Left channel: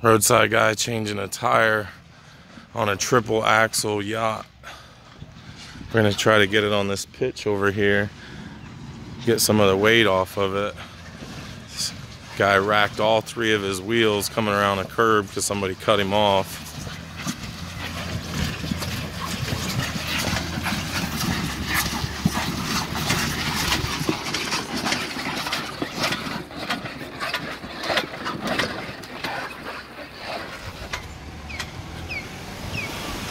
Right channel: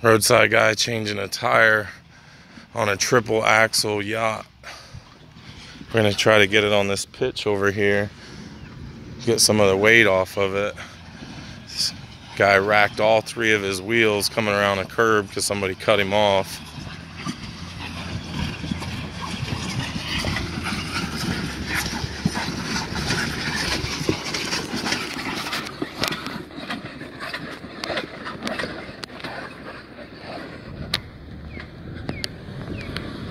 Roadside guy changing a tire on a triple axle yacht. We're gonna try to get it on this pitch over here, get some of the weight off of it. This guy racked all 3 of his wheels coming around a curb because somebody cut him off.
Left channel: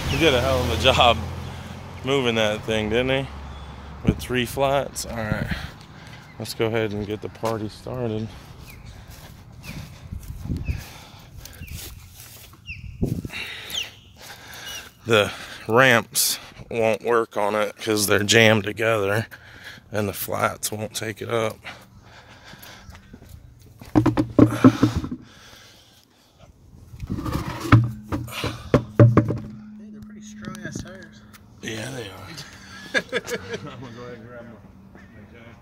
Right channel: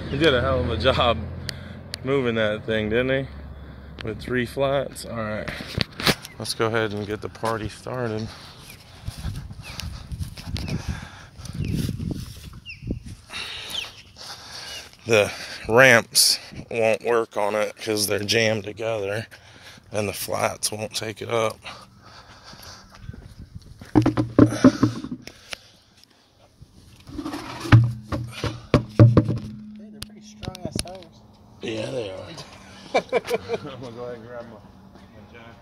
He did a hell of a job moving that thing, didn't he? With 3 flats. All right, let's go ahead and get the party started. The ramps won't work on it because they're jammed together, and the flats won't take it up. Yeah, they are. I'm gonna go ahead and grab my jack.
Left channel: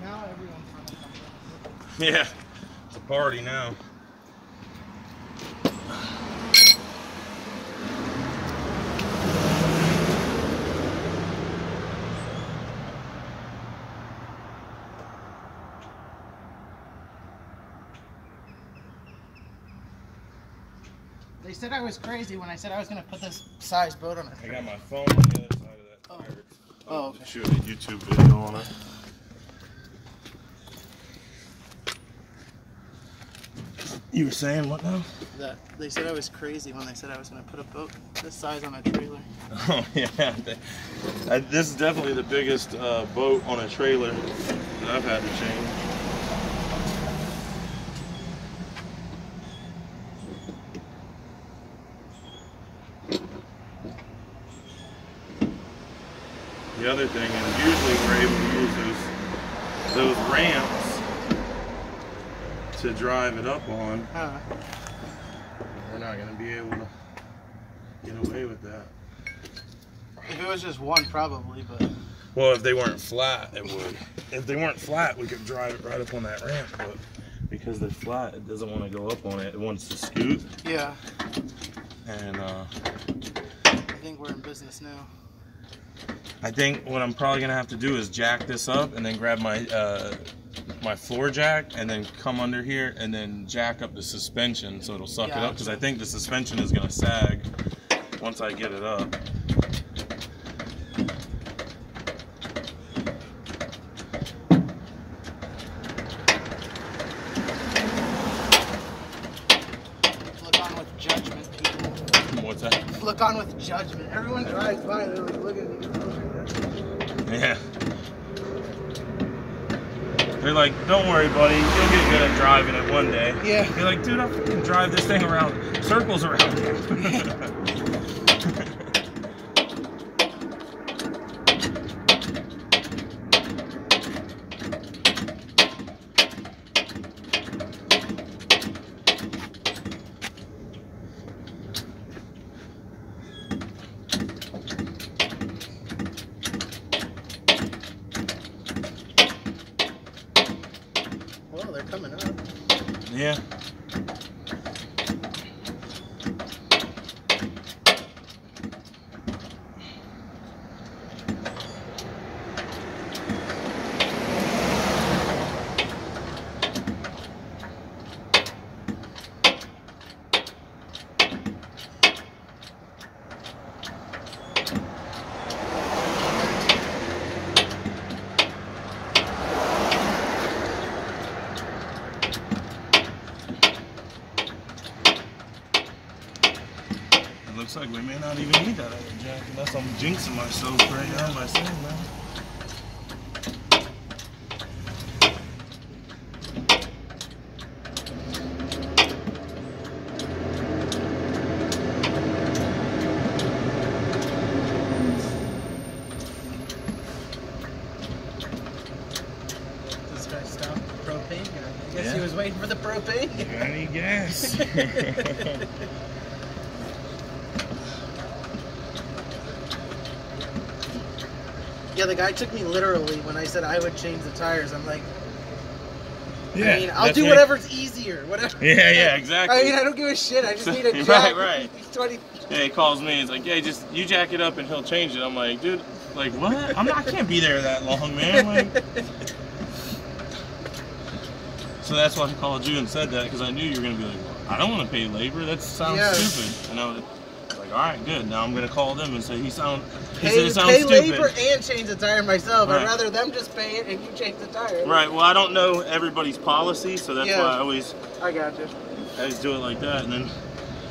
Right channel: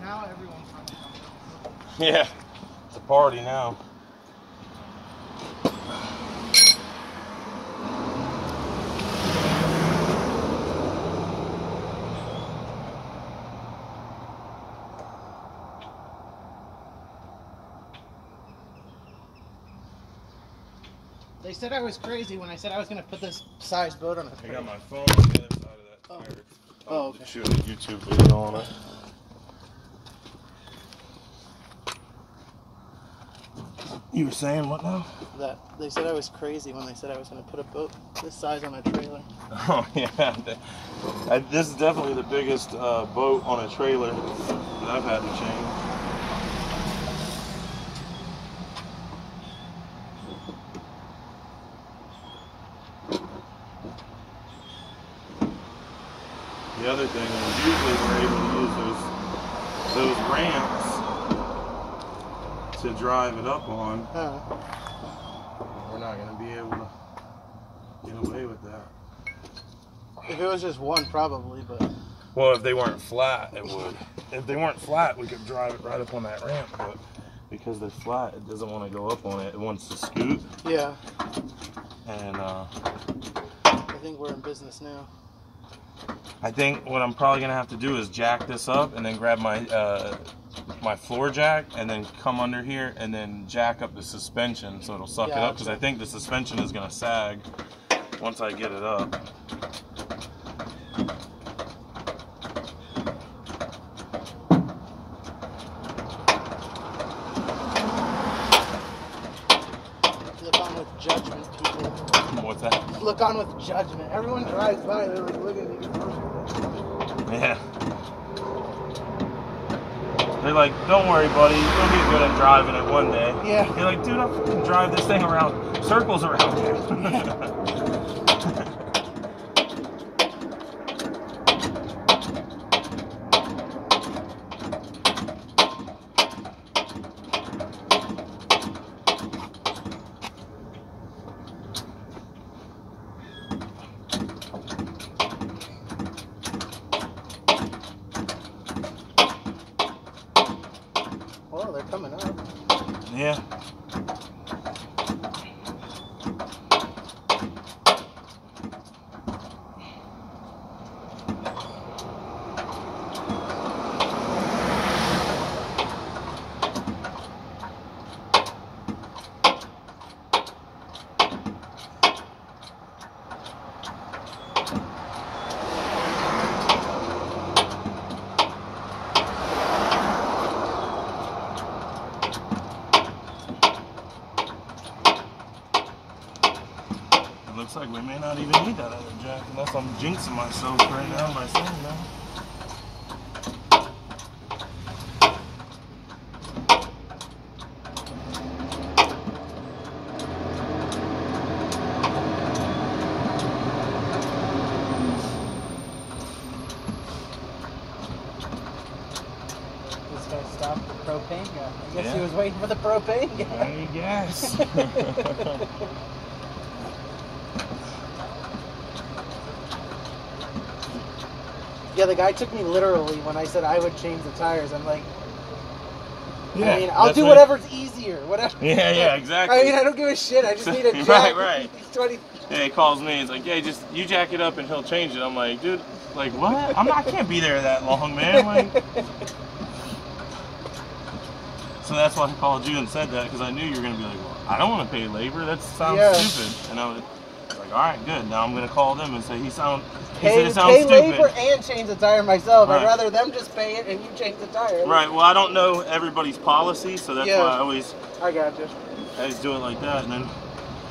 Now everyone's trying to come up. Yeah, it's a party now. They said I was crazy when I said I was going to put this size boat on. I got my phone on the other side of that tire. Oh, okay. Shoot a YouTube video on it. You were saying what now? That they said I was crazy when they said I was going to put a boat this size on a trailer. Oh yeah, this is definitely the biggest boat on a trailer that I've had to change. The other thing is usually we're able to use those ramps to drive it up on. We're not going to be able to get away with that. If it was just one, probably, but... Well, if they weren't flat, it would. If they weren't flat, we could drive it right up on that ramp, but because they're flat, it doesn't want to go up on it. It wants to scoot. Yeah. And I think we're in business now. I think what I'm probably gonna have to do is jack this up and then grab my my floor jack and then come under here and then jack up the suspension so it'll suck it up, because I think the suspension is gonna sag once I get it up. Look on with judgment, people. What's that? Look on with judgment. Everyone drives by, they're like, look at me. Yeah. They're like, don't worry, buddy, you'll get good at driving it one day. Yeah. You're like, dude, I can drive this thing around, circles around here. Yeah. Oh, they're coming up. Yeah. Looks like we may not even need that other jack unless I'm jinxing myself right now by saying that. This guy stopped the propane guy. I guess he was waiting for the propane guy. Any gas? Yeah, the guy took me literally when I said I would change the tires. I'm like, Yeah, I mean, I'll do whatever's easier, whatever. Yeah, exactly. I mean, I don't give a shit. I just need a job. Right. 20. Yeah, he calls me. He's like, "Yeah, just you jack it up and he'll change it." I'm like, "Dude, like what? I can't be there that long, man." Like, so that's why I called you and said that, because I knew you were gonna be like, well, "I don't want to pay labor. That sounds stupid." And I was like, "All right, good. Now I'm gonna call them and say he said it sounds pay stupid." labor and change the tire myself. Right. I'd rather them just pay it and you change the tire. Right. Well, I don't know everybody's policy, so that's why I always got you. do it like that. And then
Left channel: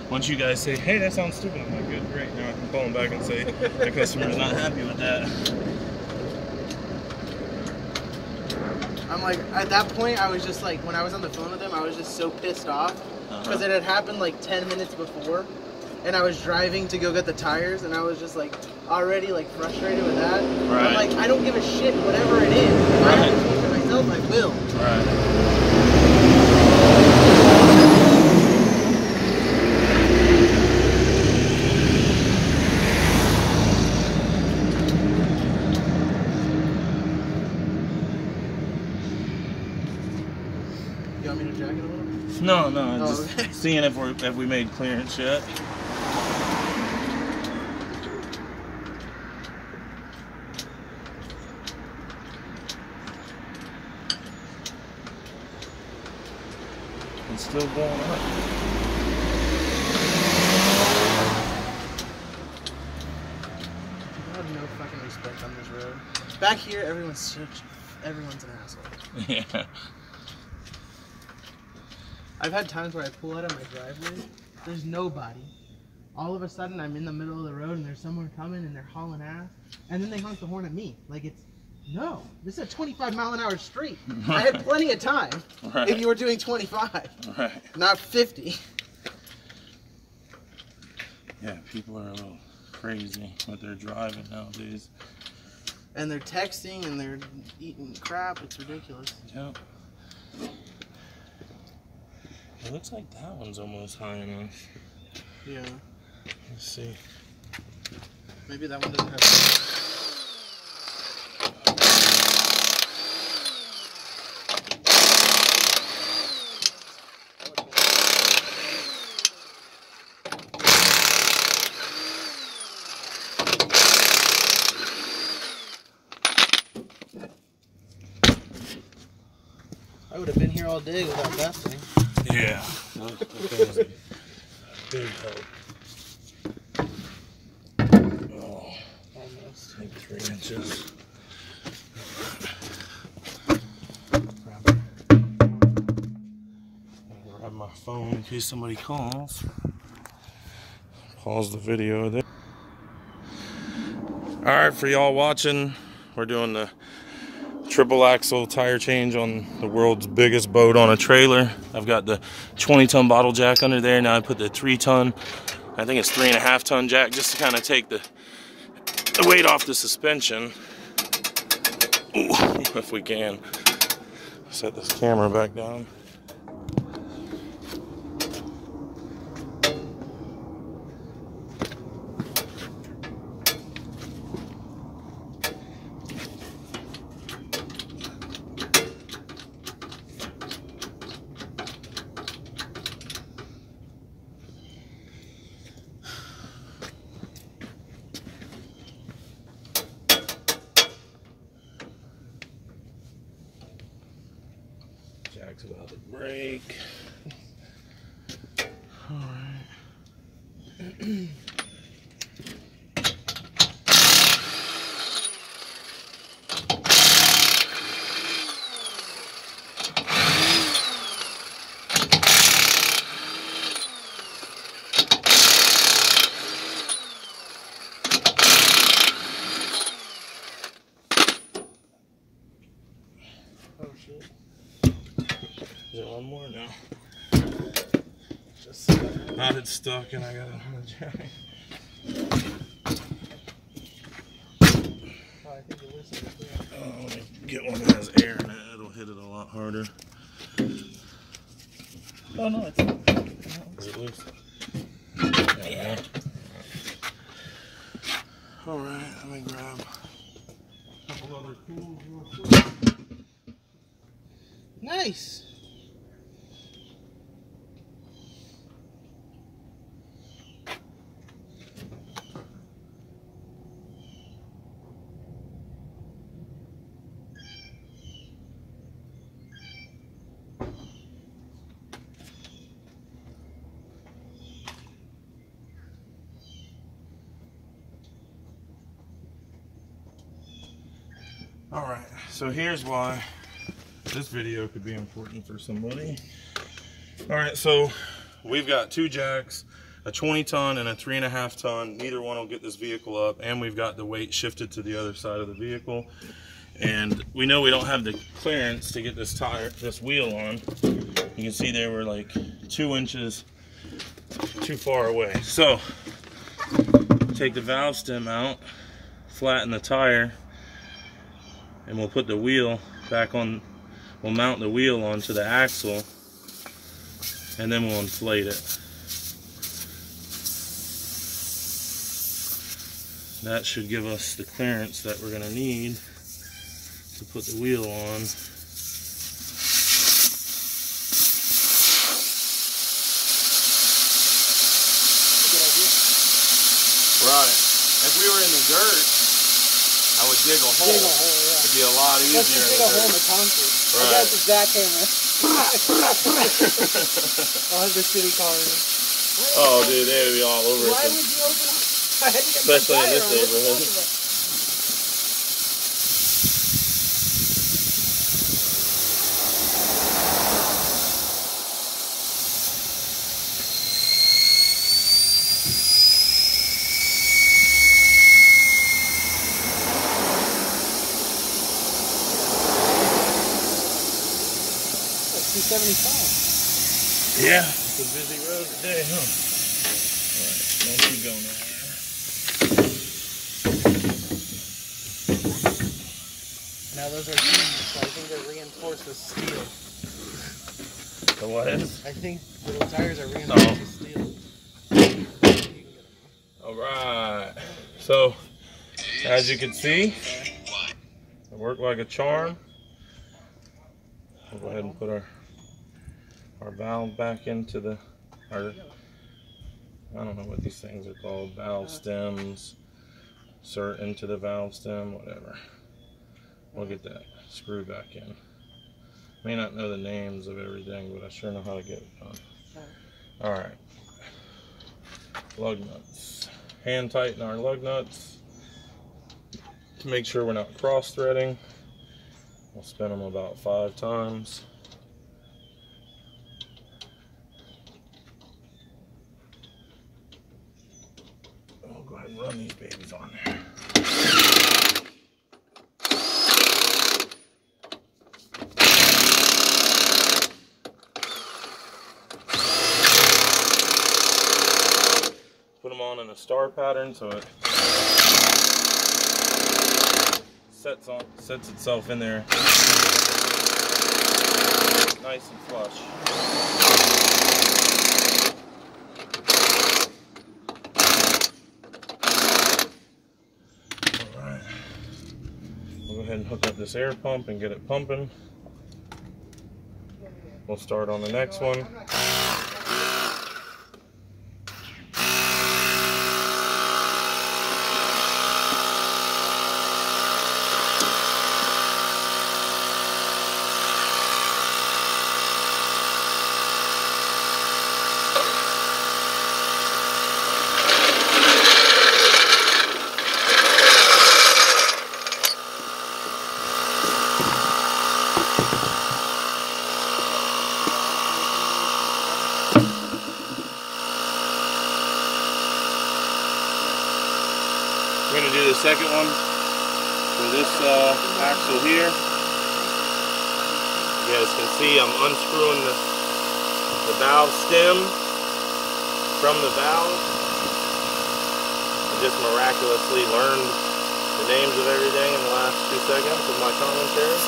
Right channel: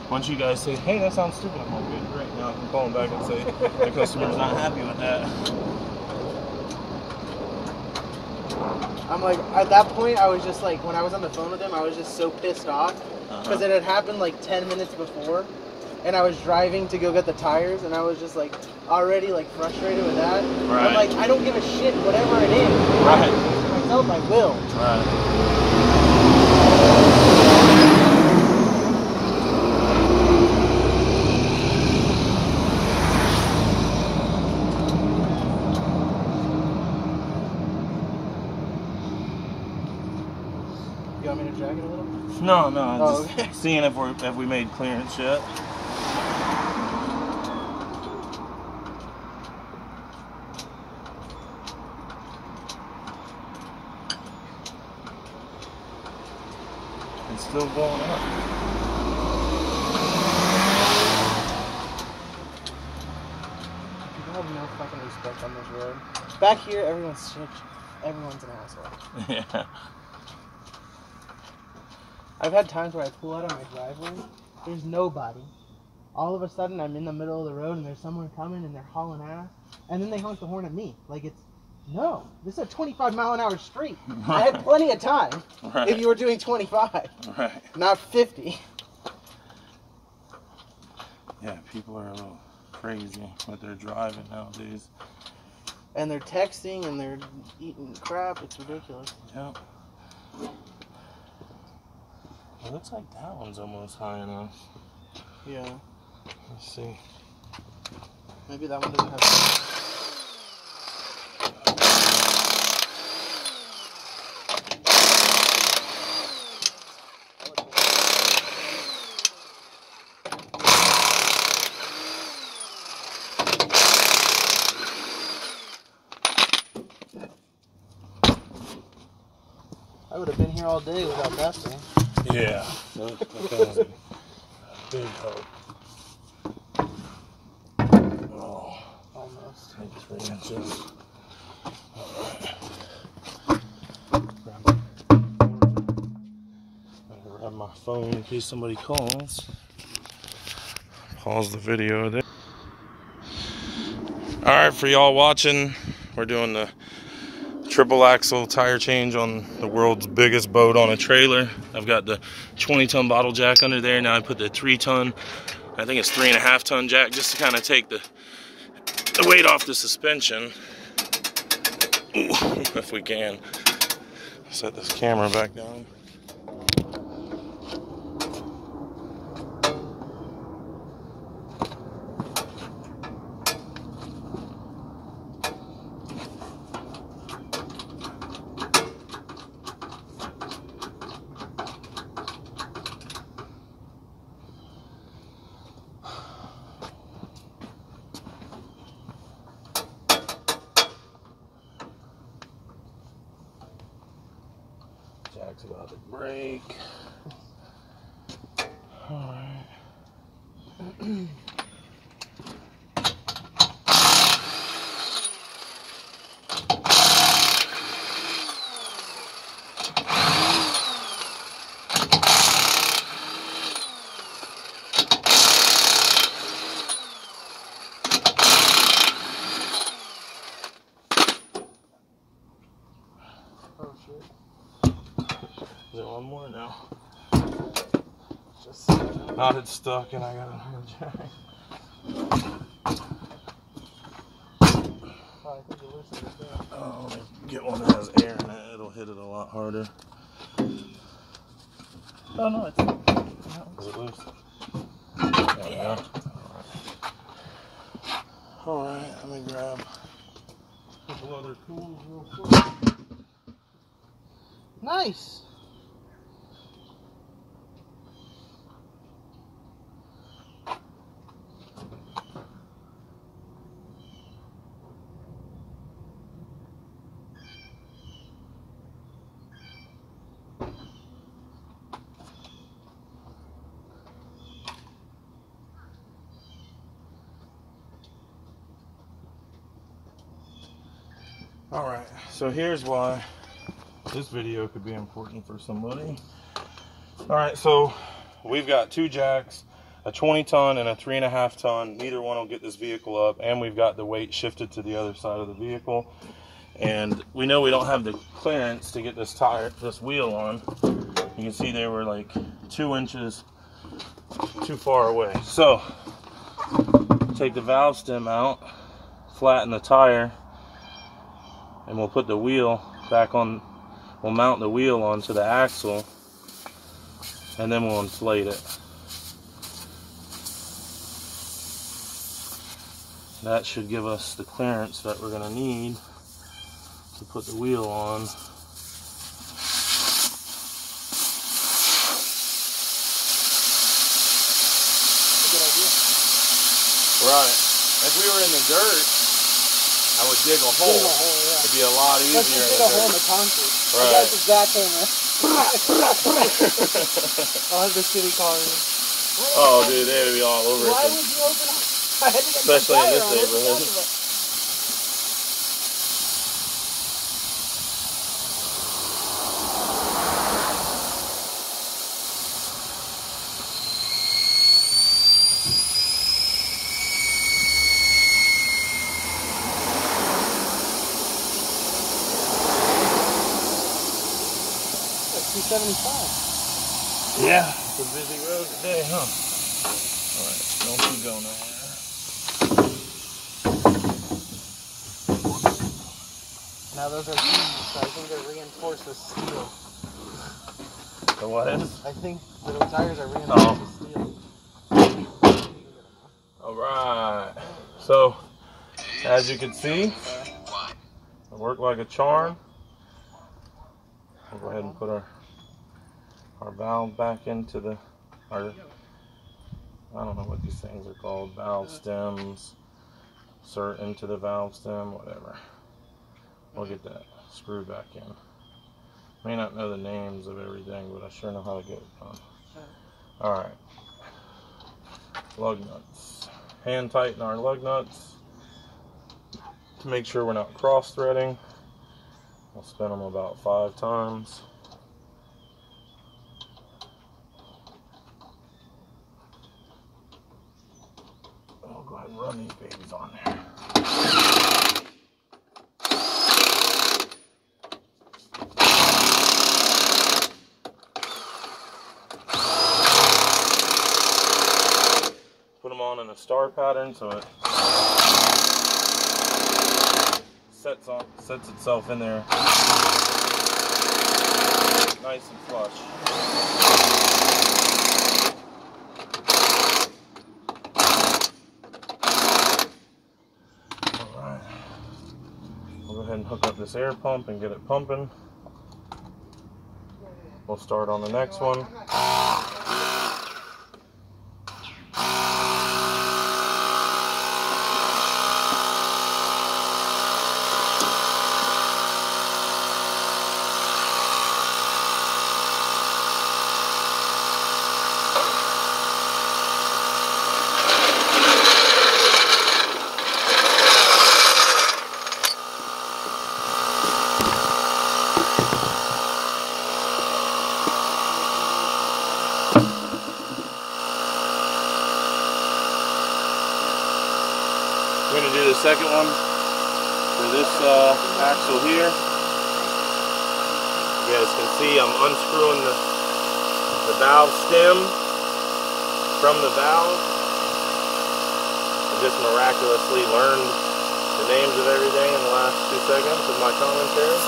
once you guys say, "Hey, that sounds stupid," I'm like, "Good, great." Now I can call them back and say the customer's not happy with that. I'm like, at that point, I was just like, when I was on the phone with him, I was just so pissed off because it had happened like 10 minutes before, and I was driving to go get the tires, and I was just like already like frustrated with that. Right. I'm like, I don't give a shit, whatever it is. If I can change it myself, I will. Right. You want me to drag it a little? No, just okay. seeing if we made clearance yet. It's still going up. People have no fucking respect on this road. Back here, everyone's an asshole. Yeah. I've had times where I pull out of my driveway, there's nobody. All of a sudden, I'm in the middle of the road and there's someone coming and they're hauling ass, and then they honk the horn at me. Like, no, this is a 25-mile-an-hour street. I had plenty of time if you were doing 25, not 50. Yeah, people are a little crazy what they're driving nowadays. And they're texting and they're eating crap. It's ridiculous. Yep. It looks like that one's almost high enough. Yeah. Let's see. Maybe that one doesn't have... I would have been here all day without that thing. Yeah. That was a big help. Oh, almost. Maybe 3 inches. Grab my phone in case somebody calls. Pause the video there. Alright, for y'all watching, we're doing the triple axle tire change on the world's biggest boat on a trailer. I've got the 20-ton bottle jack under there. Now I put the 3-ton, I think it's 3.5-ton jack, just to kind of take the weight off the suspension. Ooh, if we can. Set this camera back down. Jack's about to break. All right. Oh shit. Is there one more now? Just knotted stuck and I got it on the jack. Oh, I think it loosened it there. Oh, let me get one that has air in it. It'll hit it a lot harder. Oh no, it's is it loose? There we go. Alright, let me grab couple other tools real quick. Nice. Alright, so here's why this video could be important for somebody. Alright, so we've got 2 jacks, a 20-ton and a 3.5-ton. Neither one will get this vehicle up, and we've got the weight shifted to the other side of the vehicle. And we know we don't have the clearance to get this wheel on. You can see they were like 2 inches too far away. So take the valve stem out, flatten the tire, and we'll put the wheel back on. We'll mount the wheel onto the axle, and then we'll inflate it. That should give us the clearance that we're going to need to put the wheel on. Good idea. Right. If we were in the dirt, I would dig a hole. Yeah. It'd be a lot easier. Let's just dig a hole in the concrete. Right. I got the jackhammer. I'll have the city calling me. Oh, dude, they would be all over Why it. would you open up? I had to get Especially my in tire this on. What are you neighborhood. talking about? Like 275. Yeah, it's a busy road today, huh? Alright, don't you go nowhere. Now those are keys, so I think they're reinforced with steel. So what is? I think the tires are reinforced with steel. Alright. So, as you can see, it worked like a charm. We'll go ahead and put our valve back into the, I don't know what these things are called, valve stems, insert into the valve stem, whatever. We'll get that screw back in. May not know the names of everything, but I sure know how to get it done. Alright. Lug nuts. Hand tighten our lug nuts to make sure we're not cross threading. We'll spin them about 5 times. We'll go ahead and run these babies on there. Put them on in a star pattern so it sets itself in there nice and flush. Alright. We'll go ahead and hook up this air pump and get it pumping. We'll start on the next one. We're going to do the second one for this axle here. You guys can see I'm unscrewing the valve stem from the valve. I just miraculously learned the names of everything in the last 2 seconds of my commentary.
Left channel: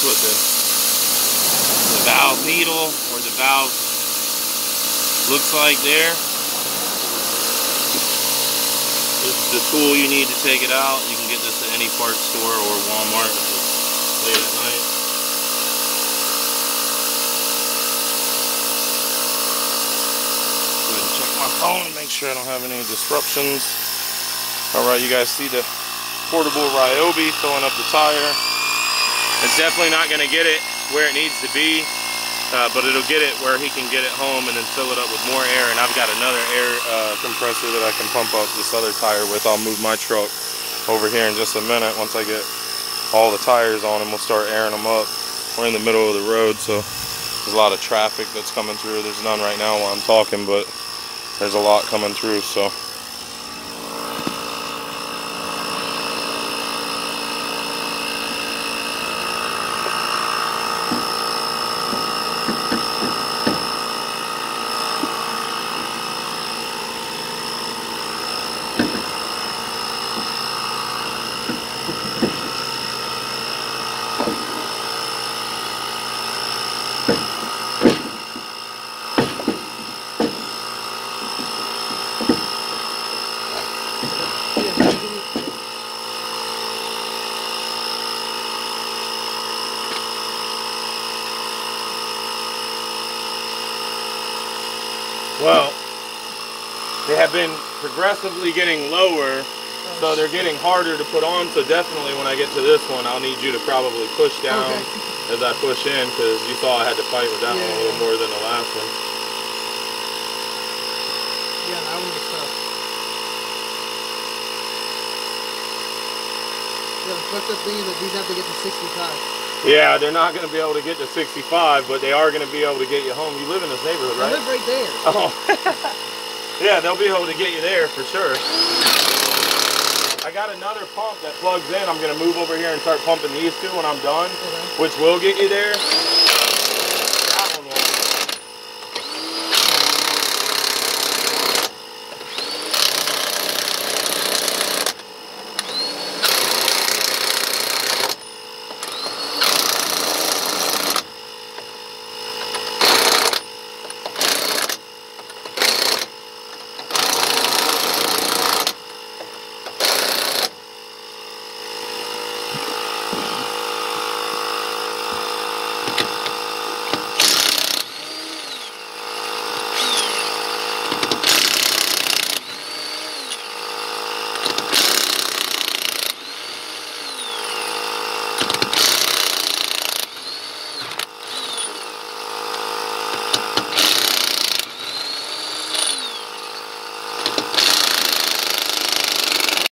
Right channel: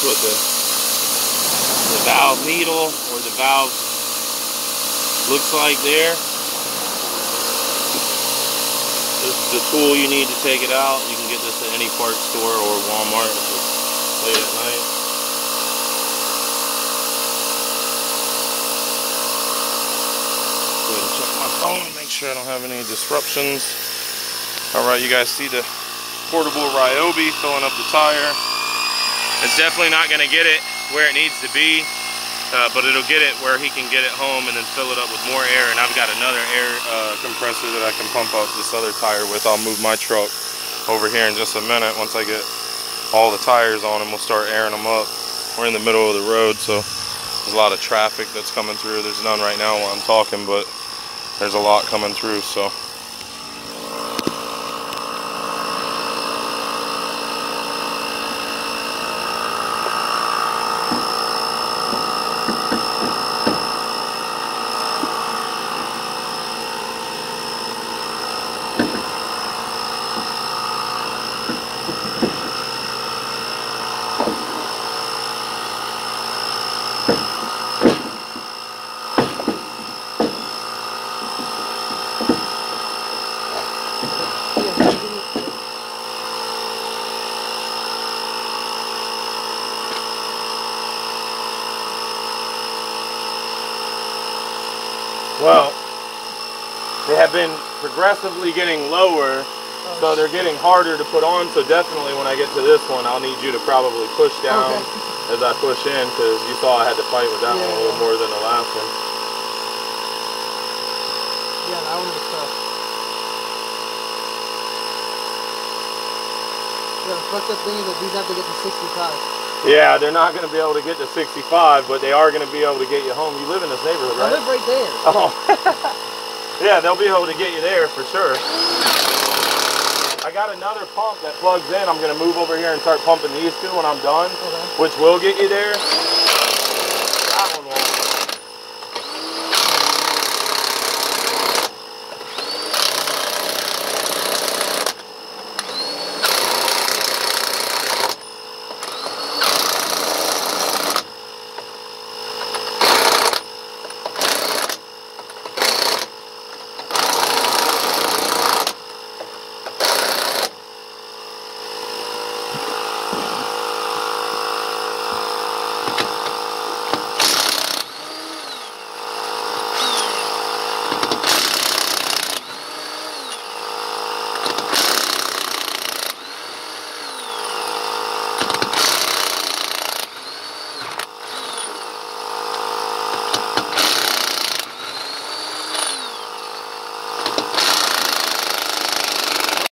That's what the valve needle or the valve looks like there. This is the tool you need to take it out. You can get this at any parts store or Walmart if it's late at night. Go ahead and check my phone, make sure I don't have any disruptions. Alright, you guys see the portable Ryobi filling up the tire. It's definitely not going to get it where it needs to be, but it'll get it where he can get it home and then fill it up with more air. And I've got another air compressor that I can pump up this other tire with. I'll move my truck over here in just a minute. Once I get all the tires on them, we'll start airing them up. We're in the middle of the road, so there's a lot of traffic that's coming through. There's none right now while I'm talking, but there's a lot coming through, so. Well, they have been progressively getting lower, so they're getting harder to put on. So definitely when I get to this one, I'll need you to probably push down as I push in, because you saw I had to fight with that one a little more than the last one. Yeah, that one was tough. Yeah, the fucked up thing is that these have to get to 65. Yeah, they're not going to be able to get to 65, but they are going to be able to get you home. You live in this neighborhood, right? I live right there. Oh. Yeah, they'll be able to get you there for sure. I got another pump that plugs in. I'm going to move over here and start pumping these two when I'm done, which will get you there.